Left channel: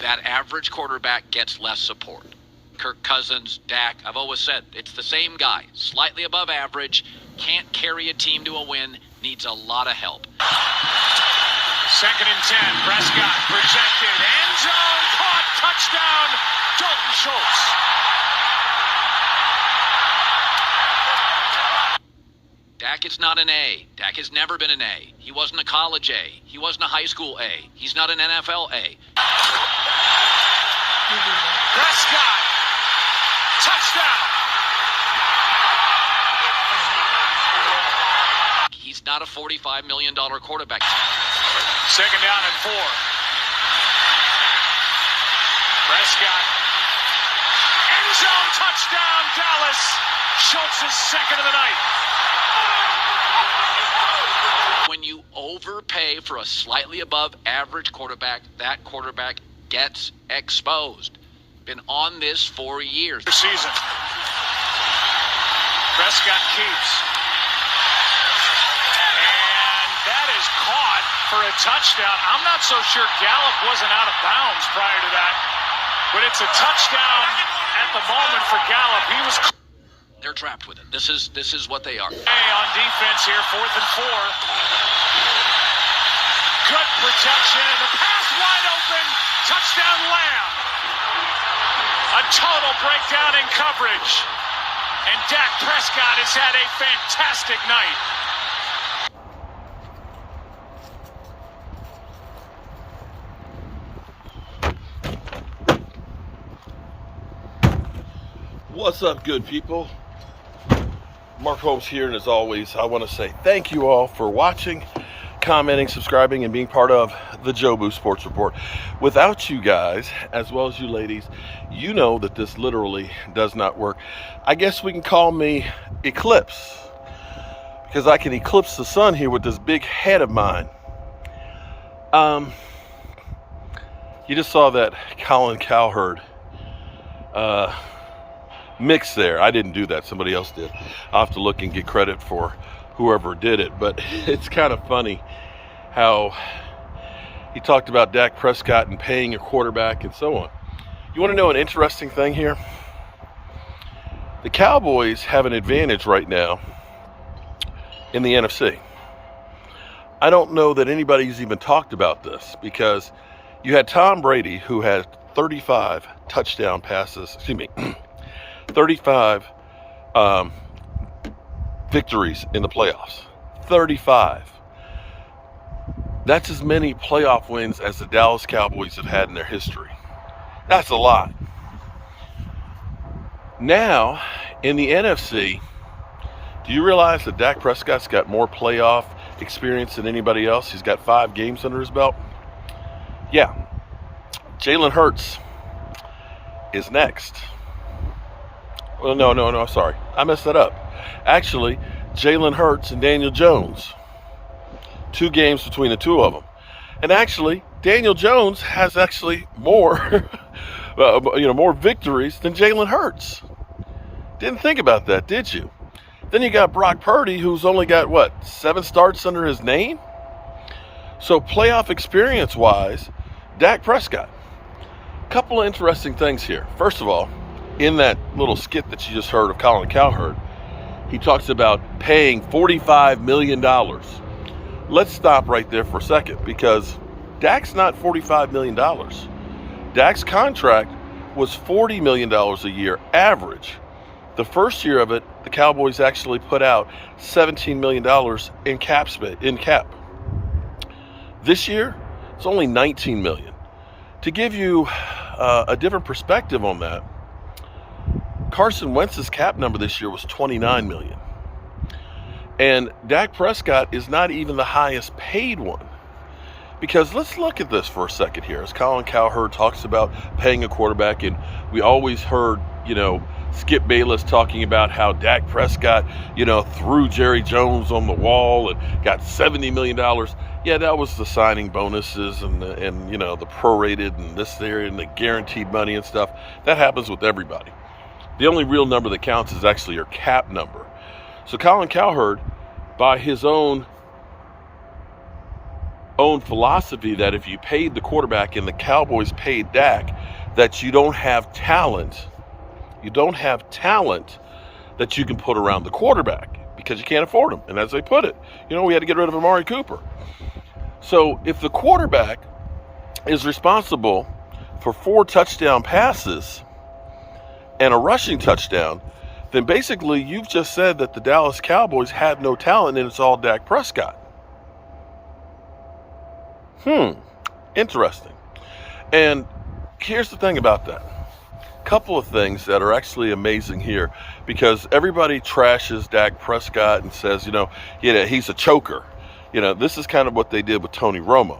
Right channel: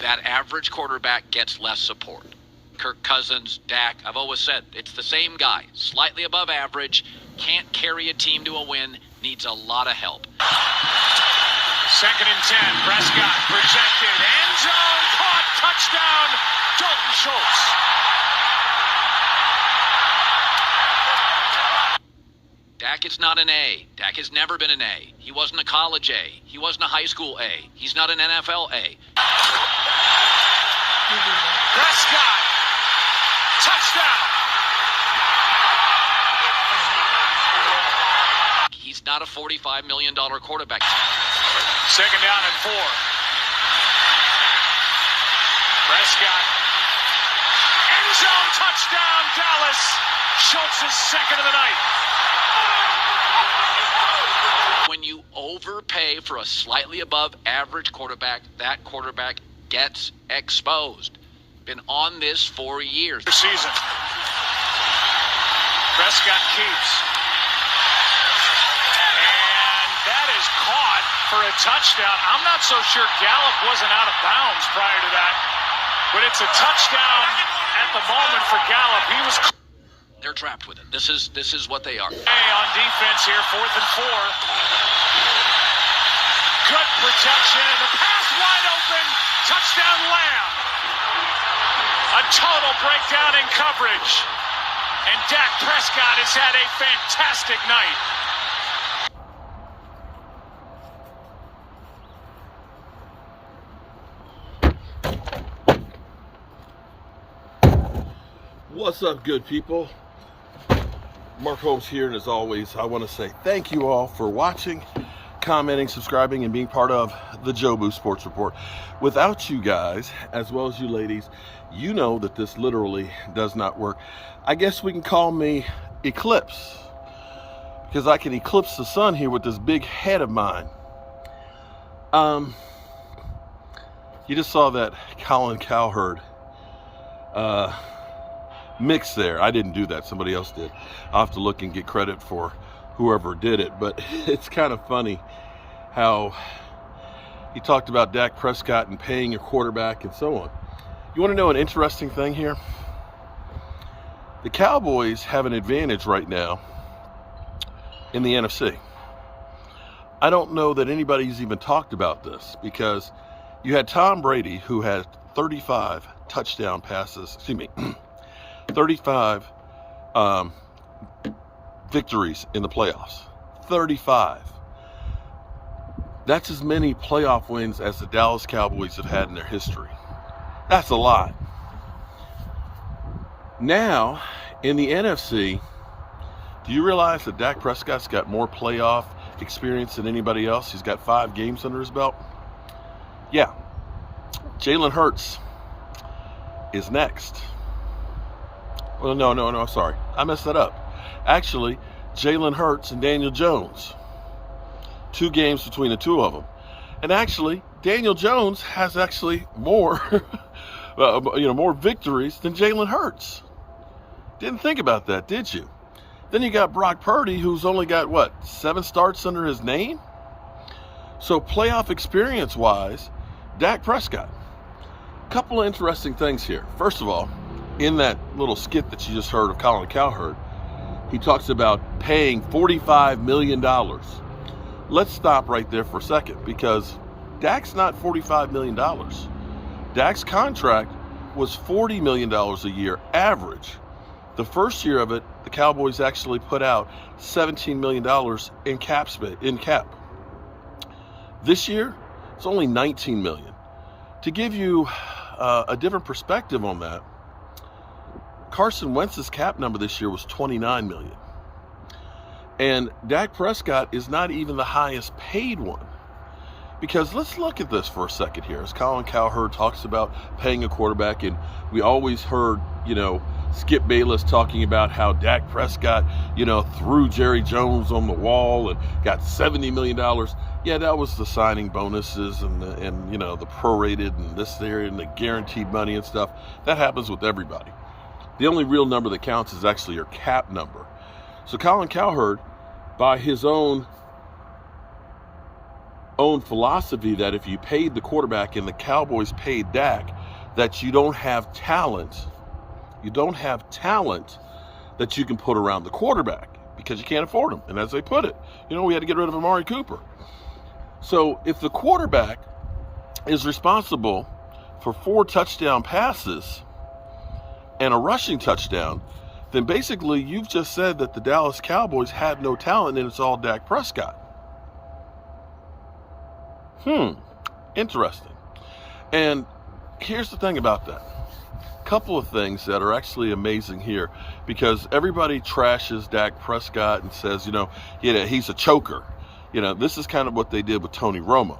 that average quarterback gets less support. Kirk Cousins, Dak, I've always said it's the same guy, slightly above average, can't carry a team to a win, needs a lot of help. 2nd and 10, Prescott projected, end zone, caught, touchdown, Dalton Schultz. Dak is not an A. Dak has never been an A. He wasn't a college A. He wasn't a high school A. He's not an NFL A. Prescott, touchdown. He's not a $45 million quarterback. 2nd down and 4. Prescott, end zone, touchdown, Dallas. Schultz's 2nd of the night. When you overpay for a slightly above average quarterback, that quarterback gets exposed. Been on this for years. Season. Prescott keeps. And that is caught for a touchdown. I'm not so sure Gallup wasn't out of bounds prior to that. But it's a touchdown at the moment for Gallup. He was... They're trapped with it. This is what they are. Hey, on defense here, 4th and 4. Good protection, and the pass wide open. Touchdown, Lamb. A total breakdown in coverage. And Dak Prescott has had a fantastic night. What's up, good people? Mark Holmes here, and as always, I want to say thank you all for watching, commenting, subscribing, and being part of the Jobu Sports Report. Without you guys, as well as you ladies, you know that this literally does not work. I guess we can call me Eclipse, because I can eclipse the sun here with this big head of mine. You just saw that Colin Cowherd mix there. I didn't do that. Somebody else did. I'll have to look and get credit for whoever did it. But it's kind of funny how he talked about Dak Prescott and paying your quarterback and so on. You want to know an interesting thing here? The Cowboys have an advantage right now in the NFC. I don't know that anybody's even talked about this, because you had Tom Brady, who had 35 touchdown passes, 35 victories in the playoffs. 35. That's as many playoff wins as the Dallas Cowboys have had in their history. That's a lot. Now, in the NFC, do you realize that Dak Prescott's got more playoff experience than anybody else? He's got 5 games under his belt. Yeah. Jalen Hurts is next. Well, no, sorry. I messed that up. Actually, Jalen Hurts and Daniel Jones. 2 games between the two of them. And actually, Daniel Jones has actually more, more victories than Jalen Hurts. Didn't think about that, did you? Then you got Brock Purdy, who's only got, 7 starts under his name? So playoff experience-wise, Dak Prescott. Couple of interesting things here. First of all, in that little skit that you just heard of Colin Cowherd, he talks about paying $45 million. Let's stop right there for a second, because Dak's not $45 million. Dak's contract was $40 million a year average. The first year of it, the Cowboys actually put out $17 million in cap. This year, it's only $19 million. To give you a different perspective on that, Carson Wentz's cap number this year was $29 million. And Dak Prescott is not even the highest paid one. Because let's look at this for a second here. As Colin Cowherd talks about paying a quarterback, and we always heard, Skip Bayless talking about how Dak Prescott, threw Jerry Jones on the wall and got $70 million. Yeah, that was the signing bonuses and the prorated and this there and the guaranteed money and stuff. That happens with everybody. The only real number that counts is actually your cap number. So Colin Cowherd, by his own own philosophy that if you paid the quarterback and the Cowboys paid Dak, that you don't have talent. You don't have talent that you can put around the quarterback because you can't afford him. And as they put it, we had to get rid of Amari Cooper. So if the quarterback is responsible for 4 touchdown passes and a rushing touchdown, then basically you've just said that the Dallas Cowboys had no talent and it's all Dak Prescott. Interesting. And here's the thing about that. Couple of things that are actually amazing here, because everybody trashes Dak Prescott and says, he's a choker. This is kind of what they did with Tony Romo.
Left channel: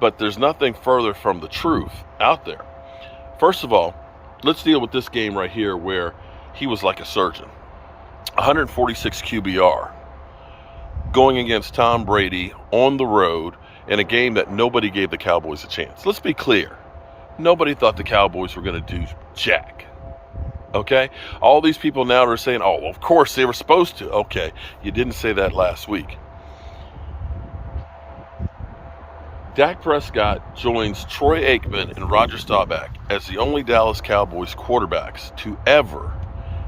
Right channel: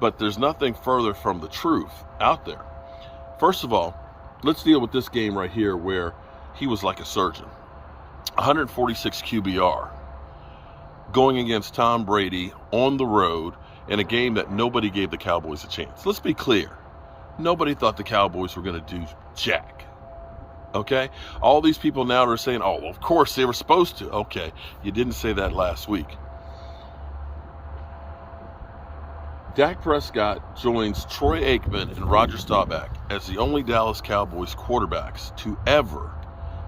But there's nothing further from the truth out there. First of all, let's deal with this game right here where he was like a surgeon. 146 QBR going against Tom Brady on the road in a game that nobody gave the Cowboys a chance. Let's be clear. Nobody thought the Cowboys were going to do jack. Okay? All these people now are saying, oh, well, of course they were supposed to. Okay, you didn't say that last week. Dak Prescott joins Troy Aikman and Roger Staubach as the only Dallas Cowboys quarterbacks to ever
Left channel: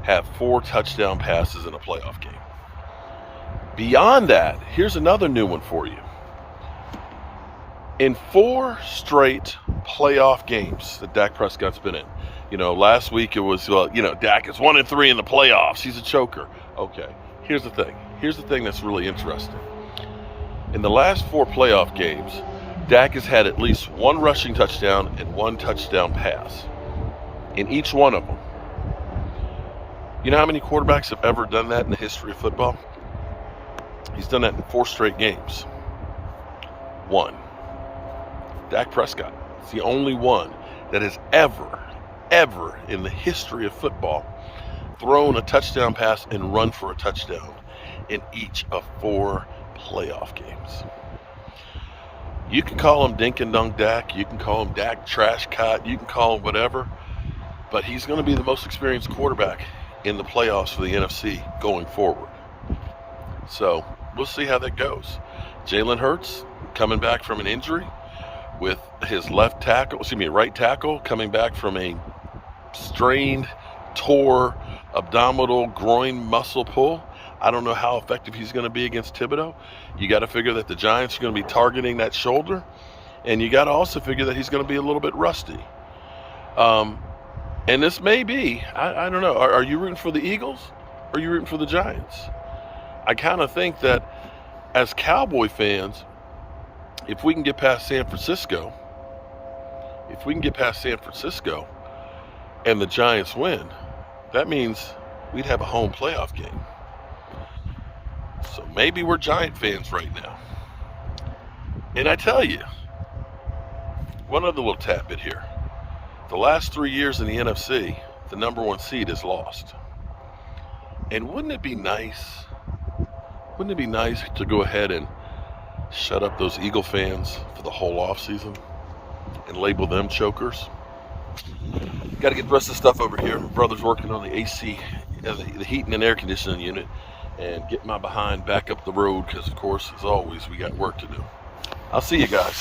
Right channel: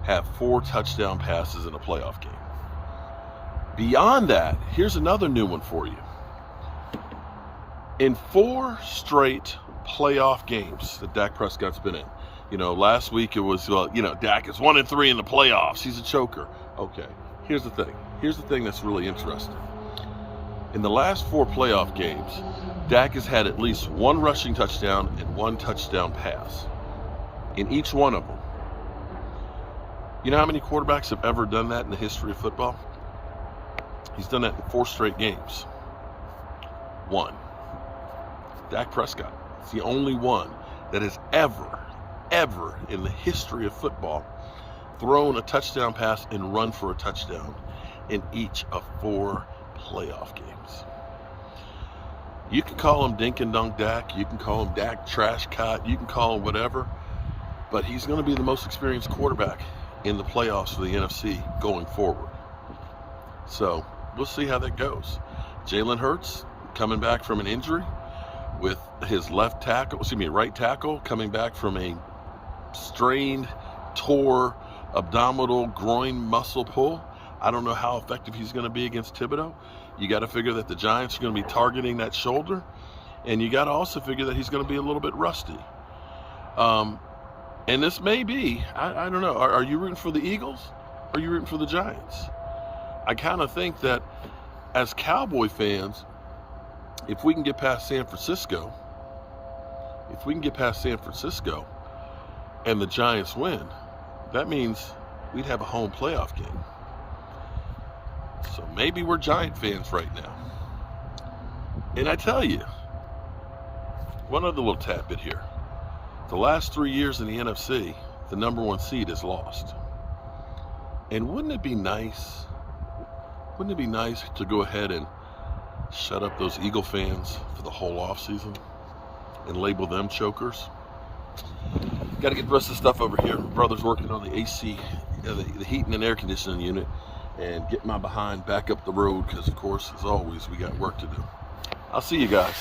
have 4 touchdown passes in a playoff game. Beyond that, here's another new one for you. In 4 straight playoff games that Dak Prescott's been in, last week it was, Dak is 1-3 in the playoffs. He's a choker. Okay, here's the thing. Here's the thing that's really interesting. In the last 4 playoff games, Dak has had at least 1 rushing touchdown and 1 touchdown pass in each one of them. You know how many quarterbacks have ever done that in the history of football? He's done that in 4 straight games. 1. Dak Prescott is the only one that has ever in the history of football thrown a touchdown pass and run for a touchdown in each of 4 playoff games. You can call him Dink and Dunk Dak, you can call him Dak Trash Cut, you can call him whatever, but he's going to be the most experienced quarterback in the playoffs for the NFC going forward. So we'll see how that goes. Jalen Hurts coming back from an injury with his right tackle coming back from a strained, tore abdominal groin muscle pull. I don't know how effective he's going to be against Thibodeau. You got to figure that the Giants are going to be targeting that shoulder, and you got to also figure that he's going to be a little bit rusty. And this may be, I don't know, are you rooting for the Eagles or are you rooting for the Giants? I kind of think that as Cowboy fans, if we can get past San Francisco, and the Giants win, that means we'd have a home playoff game. So maybe we're Giant fans right now. And I tell you, one other little tidbit here. The last 3 years in the NFC, the number 1 seed is lost. And wouldn't it be nice to go ahead and shut up those Eagle fans for the whole offseason and label them chokers? Got to get the rest of the stuff over here. My brother's working on the AC, the heating and air conditioning unit, and get my behind back up the road because, of course, as always, we got work to do. I'll see you guys.